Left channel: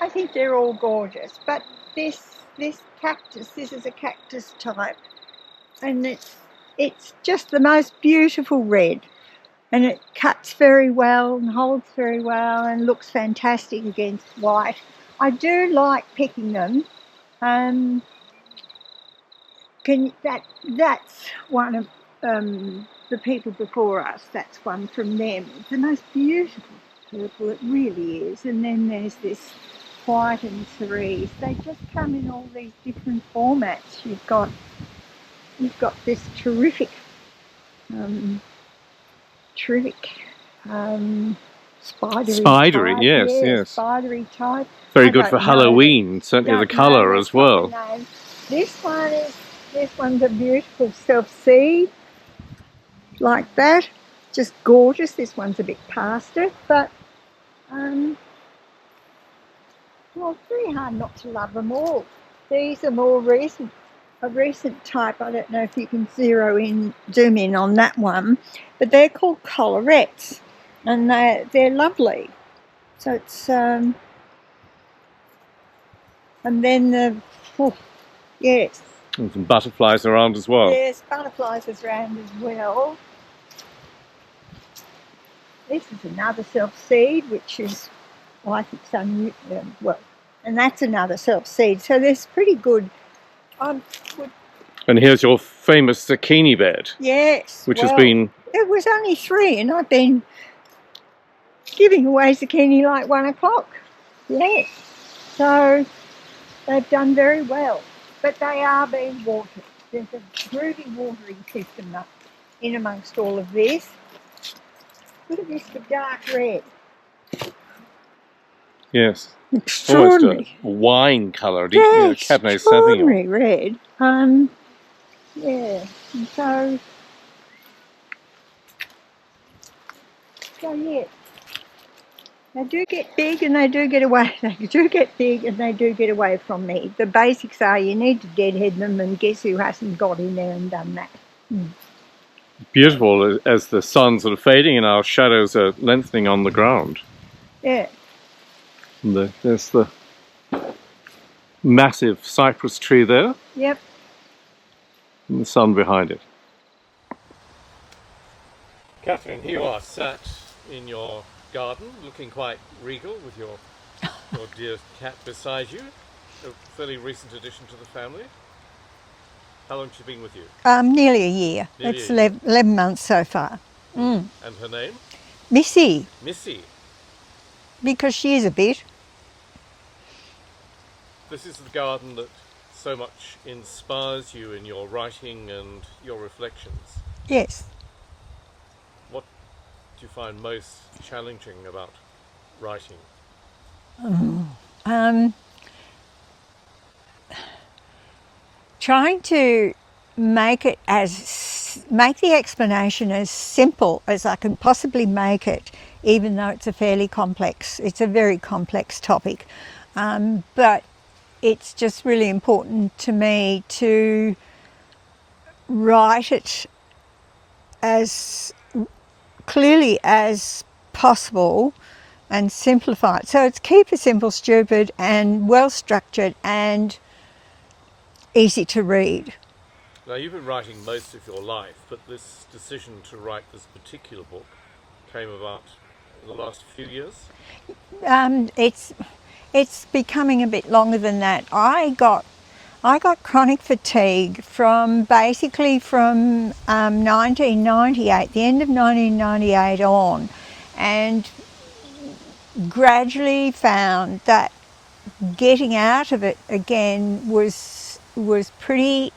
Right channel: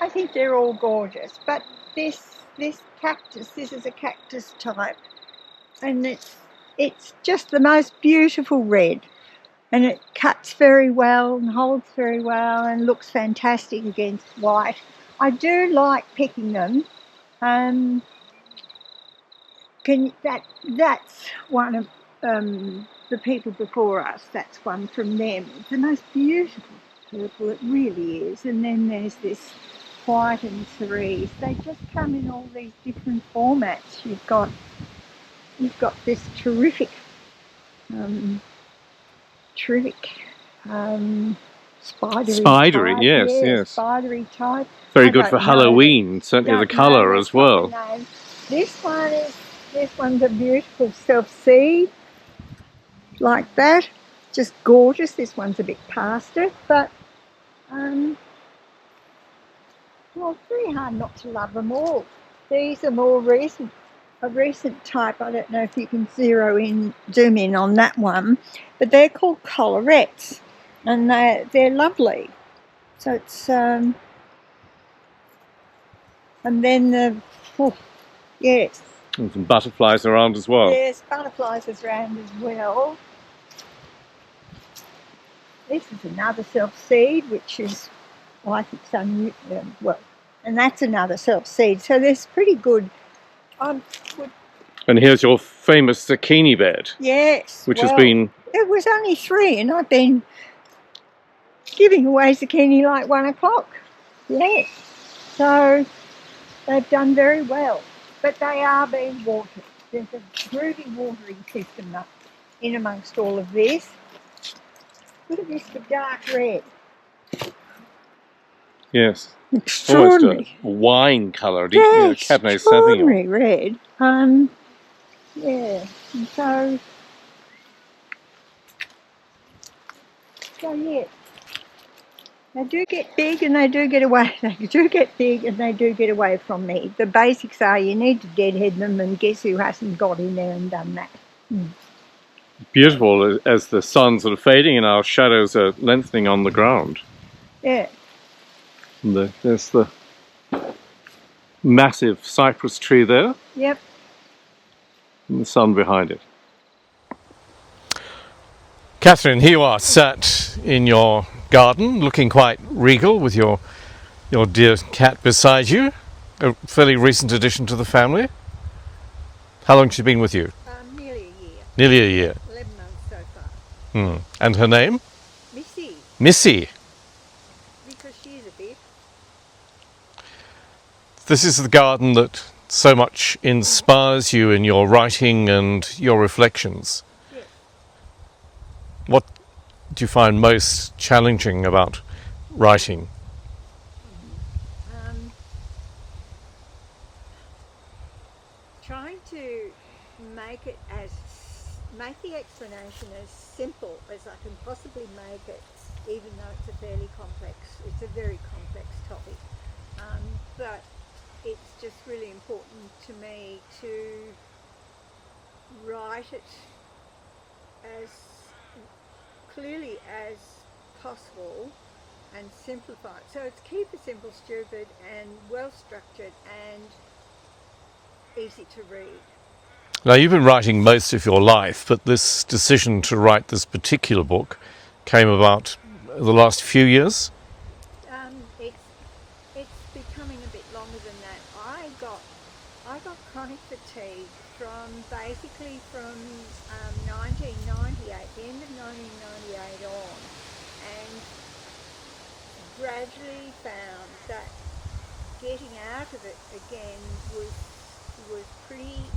I think they're all gorgeous, but this cactus, this is a cactus type, and it's just the most beautiful red, and it cuts very well and holds very well and looks fantastic against white. I do like picking them. That's one of the people before us. That's one from them. It's the most beautiful purple, it really is. And then there's this white and cerise. They just come in all these different formats. You've got this terrific spidery type. Yes. Spidery type. Very good for Halloween, certainly the colour as well. This one's a beautiful self-seed, like that. Just gorgeous. This one's a bit past it, but well, it's very hard not to love them all. These are more recent, a recent type. I don't know if you can zoom in on that one, but they're called collarettes, and they're lovely. So it's and then yes. And some butterflies around as well. Yes, butterflies around as well. This is another self-seed, which is, well, I think some, well, and that's another self-seed. So there's pretty good. And here's your famous zucchini bed. Yes. Which has been... It was only 3, and I've been giving away zucchini like 1 o'clock. Yes. So they've done very well. But they are being watered. There's a groovy watering system up in amongst all of this. Look at this, the dark red. Yes. Extraordinary. Almost a wine colour. Yes, Cabernet extraordinary Sauvignon. red. Yeah. And so yeah. They do get big and they do get away. They do get big and they do get away from me. The basics are you need to deadhead them, and guess who hasn't got in there and done that? Beautiful as the sun's sort of fading and our shadows are lengthening on the ground. Yeah. And there's the massive cypress tree there. Yep. And the sun behind it. Cathryn, here you are, sat in your garden, looking quite regal with your dear cat beside you. A fairly recent addition to the family. How long has she been with you? Nearly a year. Nearly a year. 11 months so far. And her name? Missy. Missy. Because she is a bit. This is the garden that so much inspires you in your writing and your reflections. Yes. What do you find most challenging about writing? Trying to make the explanation as simple as I can possibly make it, even though it's a very complex topic. But it's just really important to me to write it as clearly as possible and simplify it. So it's keep it simple, stupid, and well structured and easy to read. Now, you've been writing most of your life, but this decision to write this particular book came about the last few years? It's becoming a bit longer than that. I got chronic fatigue from 1998, the end of 1998 on, and gradually found that getting out of it again was pretty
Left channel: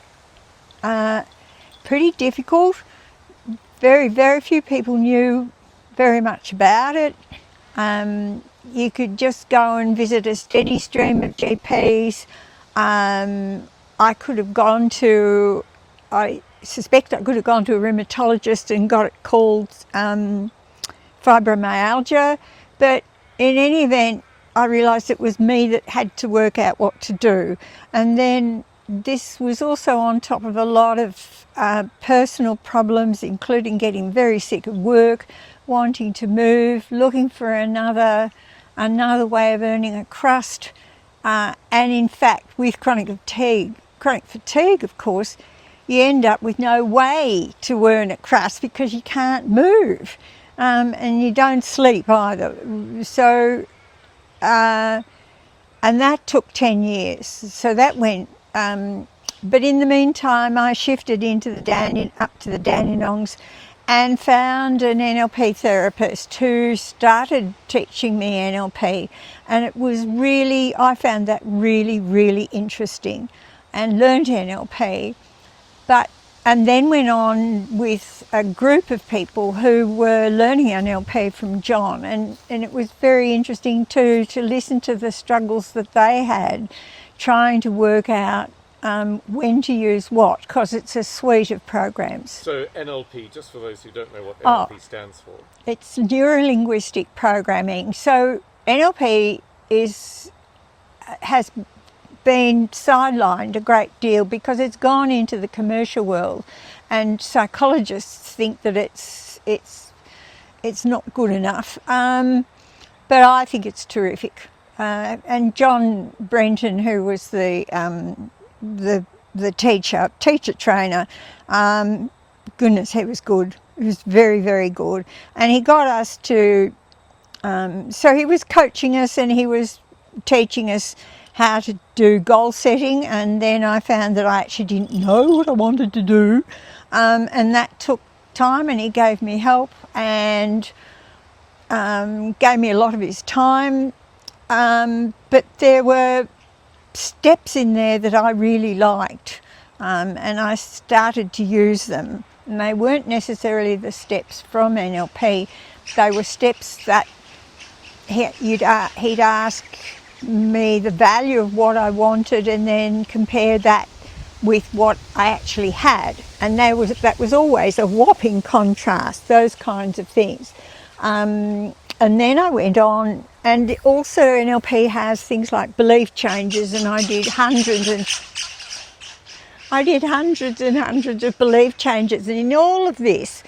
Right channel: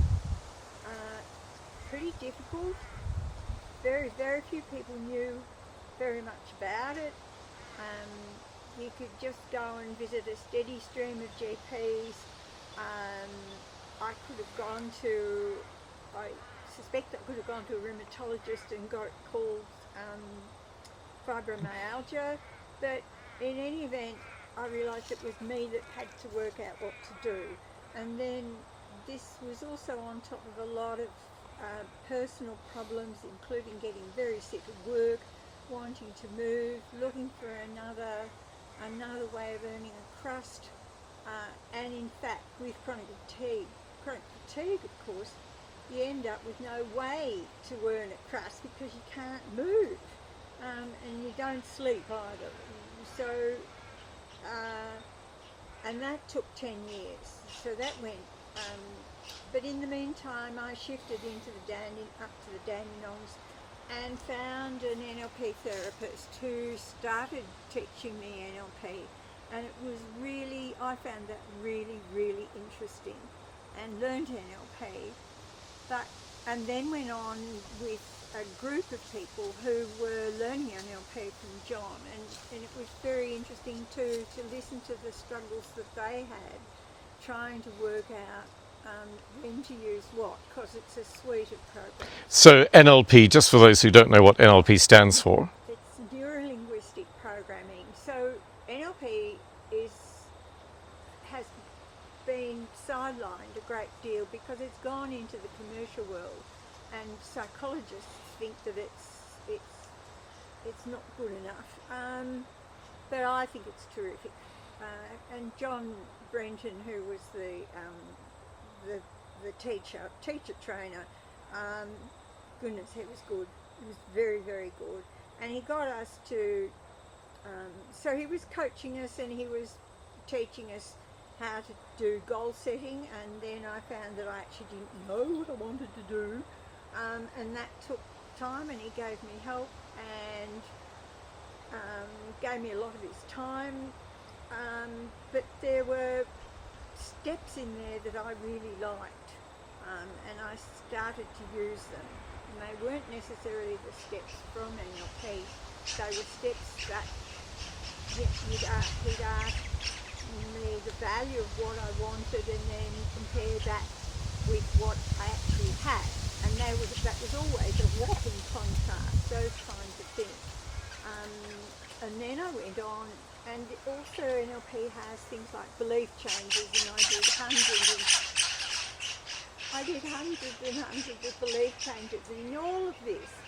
difficult. Very few people knew very much about it. You could just go and visit a steady stream of GPs. I suspect I could have gone to a rheumatologist and got it called fibromyalgia, but in any event, I realised it was me that had to work out what to do. And then this was also on top of a lot of personal problems, including getting very sick of work, wanting to move, looking for another another way of earning a crust. And in fact, with chronic fatigue, of course, you end up with no way to earn a crust because you can't move, and you don't sleep either. So, and that took 10 years. So that went, but in the meantime, I shifted into up to the Dandenongs and found an NLP therapist who started teaching me NLP. And it was really, I found that really, really interesting and learned NLP. And then went on with a group of people who were learning NLP from John. And it was very interesting too to listen to the struggles that they had trying to work out when to use what, because it's a suite of programs. So NLP, just for those who don't know what NLP stands for. It's neuro-linguistic programming. So NLP has been sidelined a great deal because it's gone into the commercial world, and psychologists think that it's not good enough. But I think it's terrific. And John Brenton, who was the teacher trainer, goodness, he was good. He was very, very good. And he got us to, so he was coaching us and he was teaching us how to do goal setting, and then I found that I actually didn't know what I wanted to do, and that took time, and he gave me help and gave me a lot of his time, but there were steps in there that I really liked, and I started to use them, and they weren't necessarily the steps from NLP. They were steps that he'd ask me the value of what I wanted and then compare that with what I actually had, and that was always a whopping contrast, those kinds of things. And then I went on, and also NLP has things like belief changes, and I did hundreds and hundreds of belief changes, and in all of this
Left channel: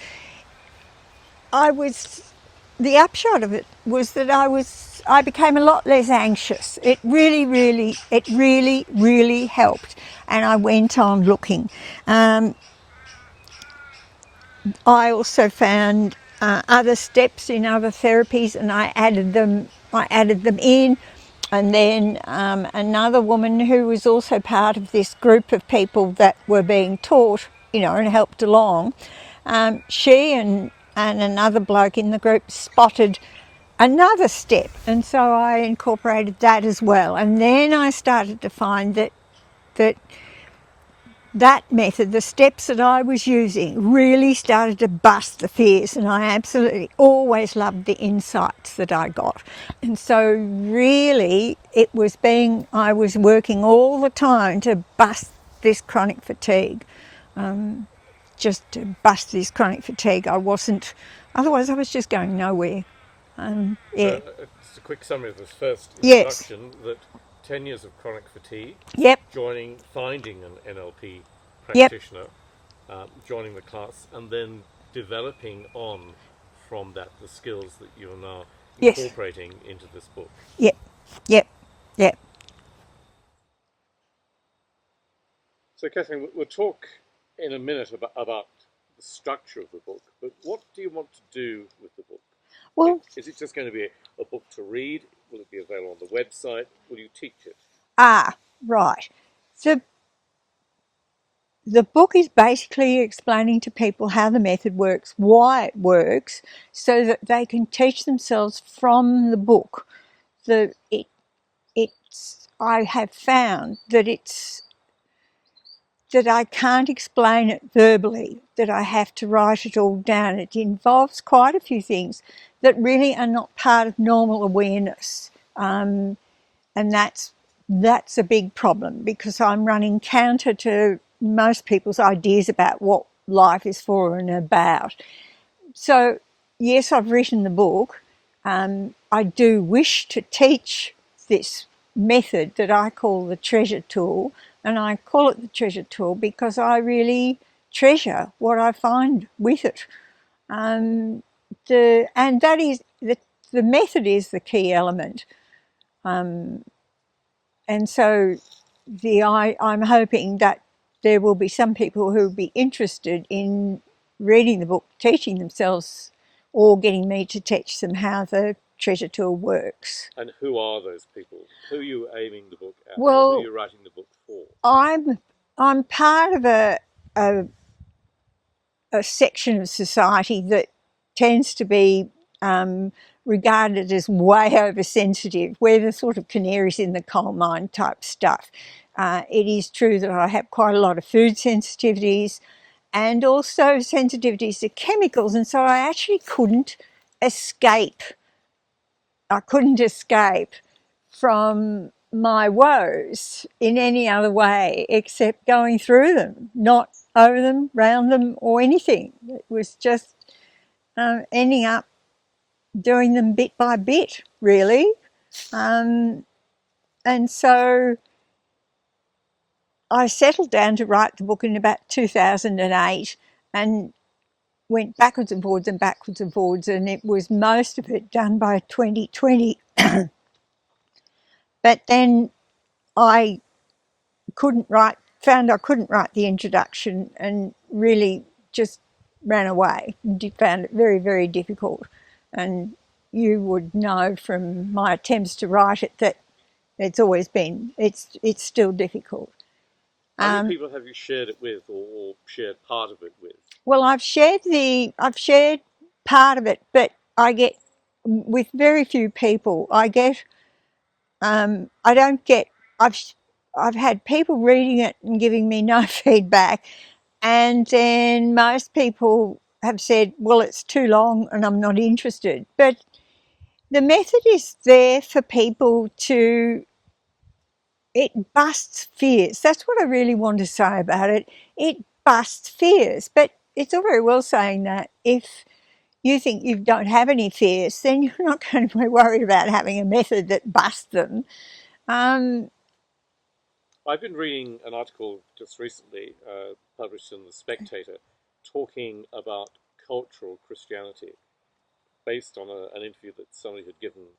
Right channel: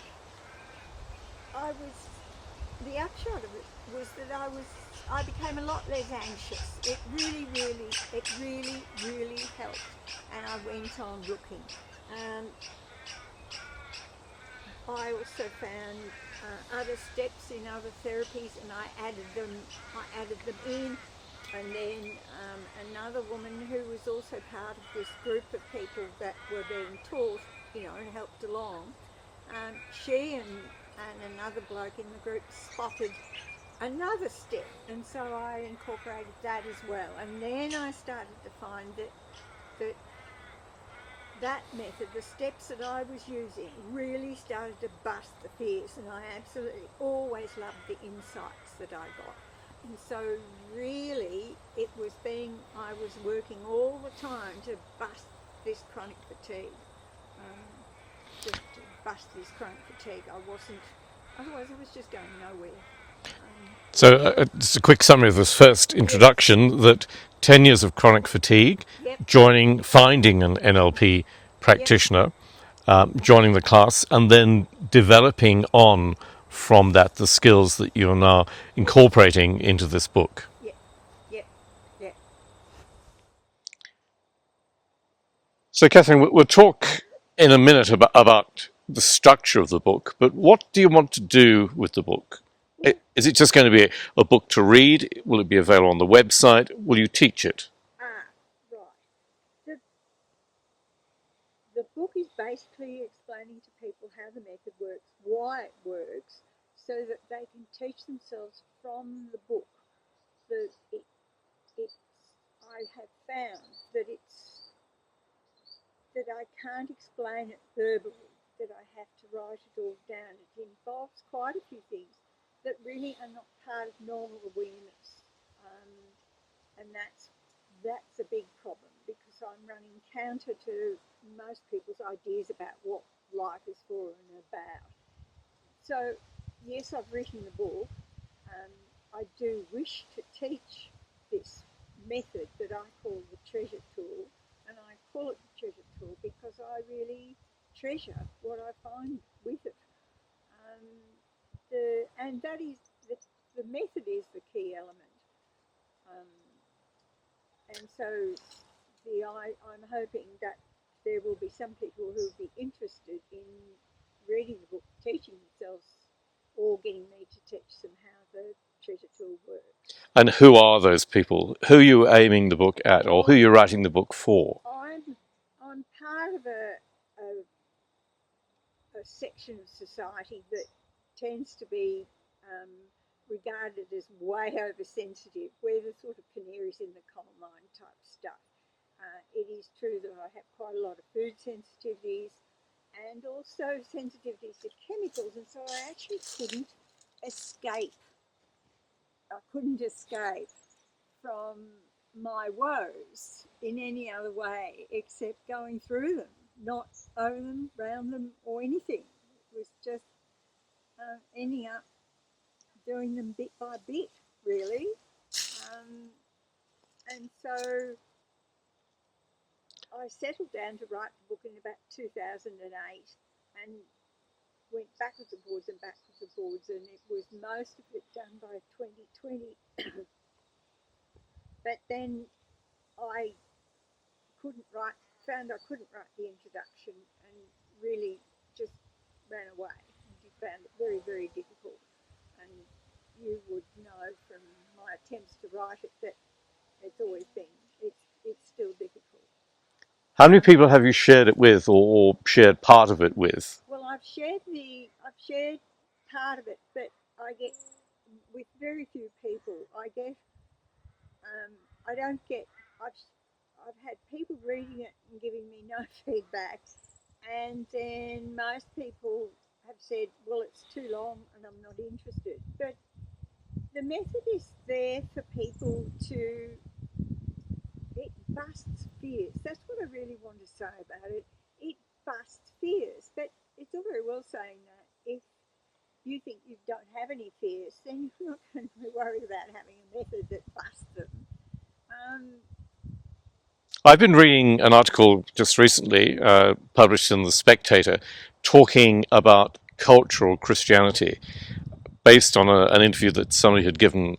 the upshot of it was that I became a lot less anxious. It really, really helped, and I went on looking. I also found other steps in other therapies, and I added them in. And then another woman who was also part of this group of people that were being taught, and helped along, she and another bloke in the group spotted another step, and so I incorporated that as well. And then I started to find that method, the steps that I was using, really started to bust the fears, and I absolutely always loved the insights that I got. And so really I was working all the time to bust this chronic fatigue. Just to bust this chronic fatigue. Otherwise I was just going nowhere. Just a quick summary of this first introduction, yes. That 10 years of chronic fatigue, yep. finding an NLP practitioner, yep. Joining the class, and then developing on from that the skills that you're now incorporating yes. into this book. Yep. So Cathryn, we'll talk in a minute about the structure of the book, but what do you want to do with the book? Well, is it just going to be a book to read? Will it be available on the website? Will you teach it? Right. So the book is basically explaining to people how the method works, why it works, so that they can teach themselves from the book. I have found that that I can't explain it verbally, that I have to write it all down. It involves quite a few things that really are not part of normal awareness. And that's a big problem, because I'm running counter to most people's ideas about what life is for and about. So yes, I've written the book. I do wish to teach this method that I call the treasure tool, and I call it the treasure tool because I really treasure what I find with it. And that is the the method is the key element. And so I'm hoping that there will be some people who will be interested in reading the book, teaching themselves, or getting me to teach them how the treasure tool works. And who are those people? Who are you aiming the book at, or who are Well, you writing the book for? I'm part of a section of society that tends to be regarded as way oversensitive. We're the sort of canaries in the coal mine type stuff. It is true that I have quite a lot of food sensitivities and also sensitivities to chemicals, and so I actually couldn't escape. I couldn't escape from my woes in any other way except going through them, not over them, round them, or anything. It was just ending up doing them bit by bit, really. And so I settled down to write the book in about 2008 and went backwards and forwards and backwards and forwards, and it was most of it done by 2020. But then I found I couldn't write the introduction, and really just ran away. Found it very, very difficult. And you would know from my attempts to write it that it's still difficult. How many people have you shared it with, or shared part of it with? Well, I've shared part of it, but I get, with very few people, I've had people reading it and giving me no feedback, and then most people have said, well, it's too long and I'm not interested. But the method is there for people it busts fears. That's what I really want to say about it. It busts fears, but it's all very well saying that if you think you don't have any fears, then you're not going to be worried about having a method that busts them. I've been reading an article just recently, published in The Spectator, talking about cultural Christianity, based on an interview that somebody had given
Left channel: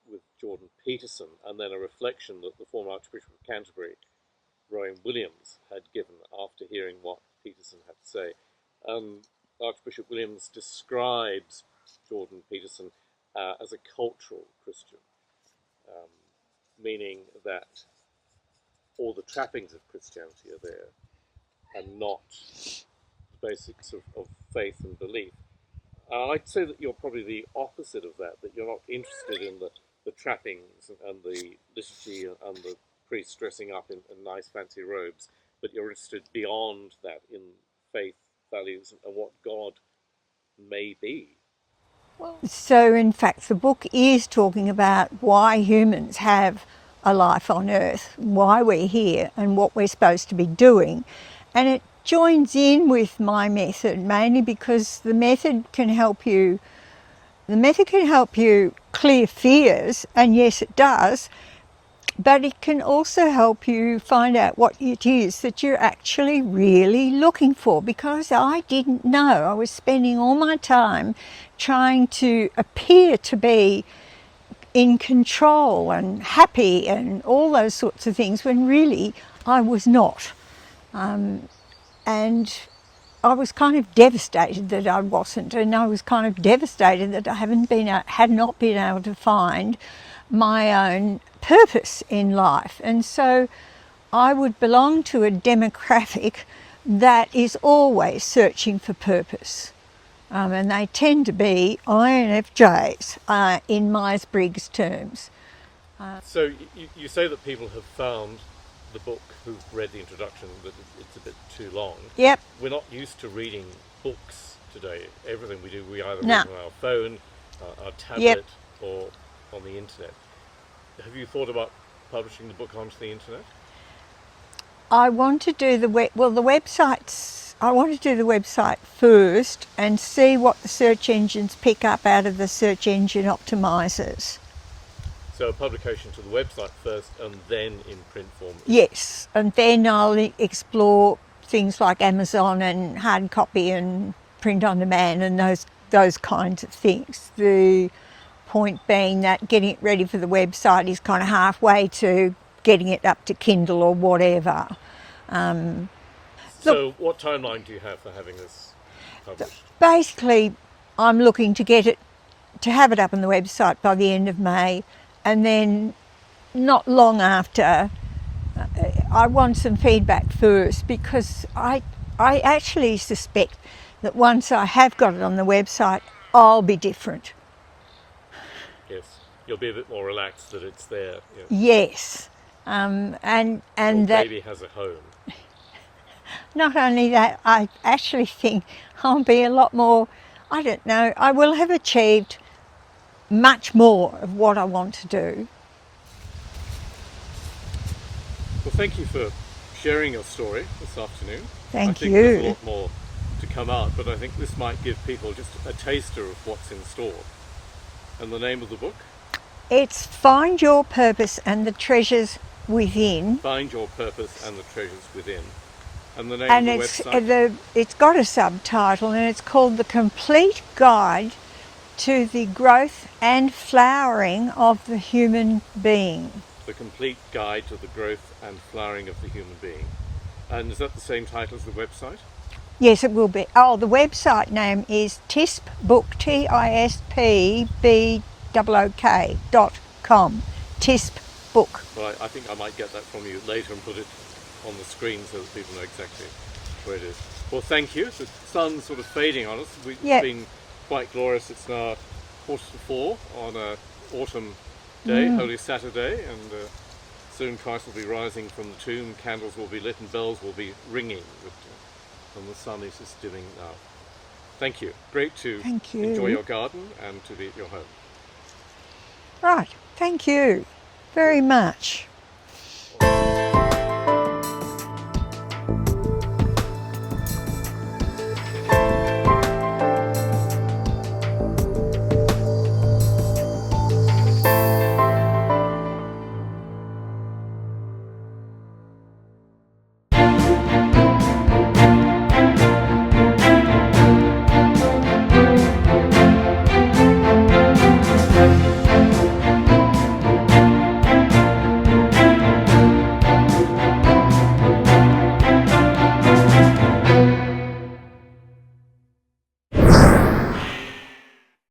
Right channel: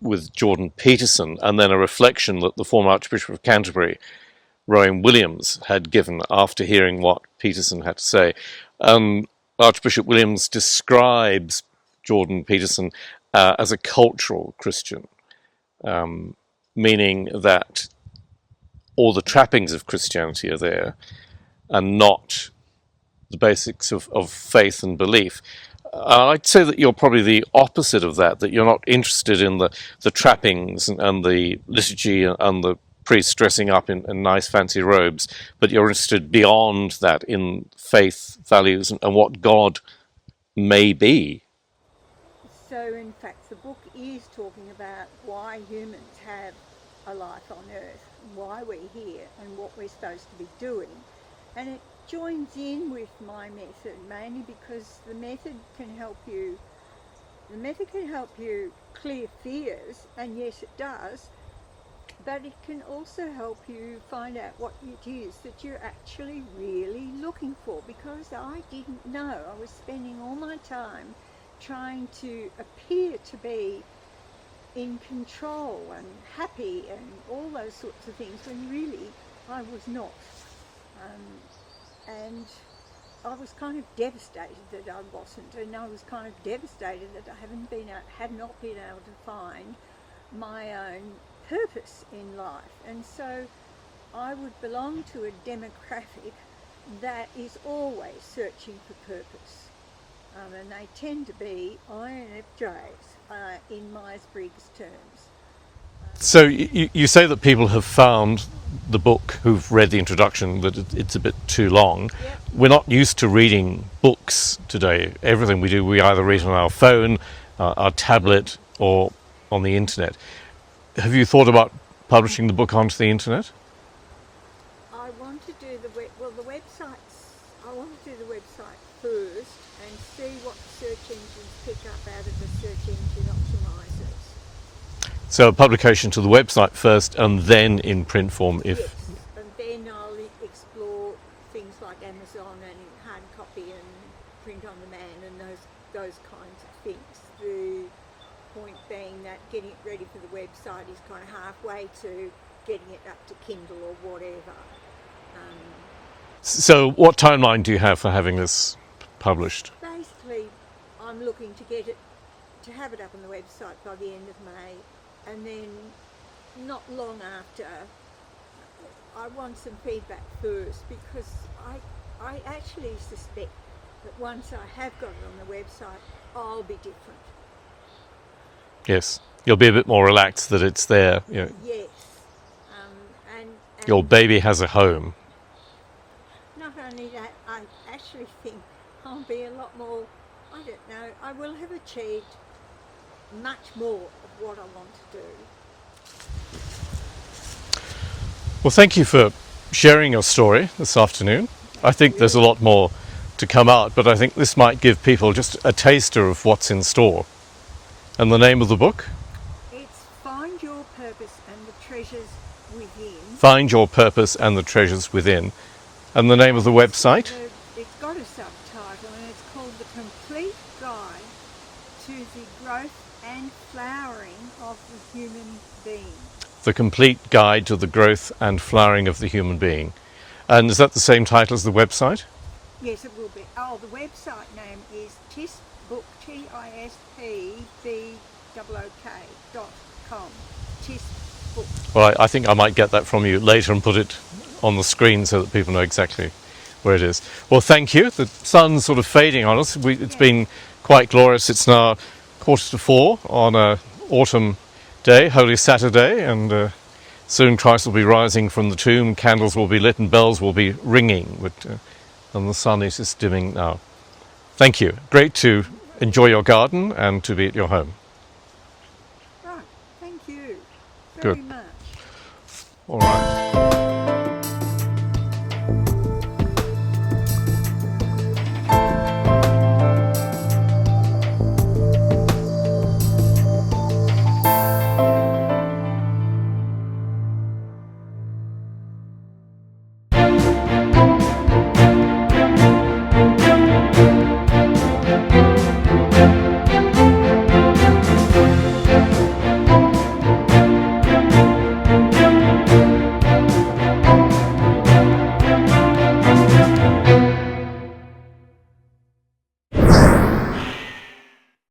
with Jordan Peterson, and then a reflection that the former Archbishop of Canterbury, Rowan Williams, had given after hearing what Peterson had to say. Archbishop Williams describes Jordan Peterson as a cultural Christian, meaning that all the trappings of Christianity are there and not the basics of faith and belief. I'd say that you're probably the opposite of that, that you're not interested in the trappings and the liturgy and the priests dressing up in nice fancy robes, but you're interested beyond that in faith, values, and what God may be. So in fact the book is talking about why humans have a life on earth, why we're here and what we're supposed to be doing. And it joins in with my method mainly because the method can help you clear fears, and yes it does, but it can also help you find out what it is that you're actually really looking for, because I didn't know. I was spending all my time trying to appear to be in control and happy and all those sorts of things when really I was not. And I was kind of devastated that I wasn't, and I was kind of devastated that I had not been able to find my own purpose in life. And so I would belong to a demographic that is always searching for purpose. And they tend to be INFJs in Myers-Briggs terms. So you say that people have found the book, who've read the introduction, that it's a bit too long. Yep. We're not used to reading books today. Everything we do, we either read on our phone, our tablet, or on the internet. Have you thought about publishing the book onto the internet? I want to do the website first and see what the search engines pick up out of the search engine optimizers. So a publication to the website first and then in print form? Yes, and then I'll explore things like Amazon and hard copy and print on demand and those kinds of things. point being that getting it ready for the website is kind of halfway to getting it up to Kindle or whatever. So what timeline do you have for having this published? Basically, I'm looking to have it up on the website by the end of May, and then not long after, I want some feedback first, because I actually suspect that once I have got it on the website, I'll be different. Yes, you'll be a bit more relaxed that it's there. You know, Yes. And your baby has a home. not only that, I actually think I'll be a lot more, I don't know, I will have achieved much more of what I want to do. Well, thank you for sharing your story this afternoon. Thank I think there's a you. lot more to come out, but I think this might give people just a taster of what's in store. And the name of the book? It's Find Your Purpose and the Treasures Within. Find Your Purpose and the Treasures Within. And the name of the website? It's got a subtitle, and it's called The Complete Guide to the Growth and Flowering of the Human Being. The Complete Guide to the Growth and Flowering of the Human Being. And is that the same title as the website? Yes, it will be. Oh, the website name is tispbook, tispbook.com. Tisp Book. Well, I think I might get that from you later and put it on the screen so that people know exactly where it is. Well, thank you. The sun's sort of fading on us. It's been quite glorious. It's now 3:45 on a autumn day, Holy Saturday, and soon Christ will be rising from the tomb, candles will be lit and bells will be ringing, and the sun is just dimming now. Thank you. Great to enjoy your garden and to be at your home. Right, thank you very much. All right.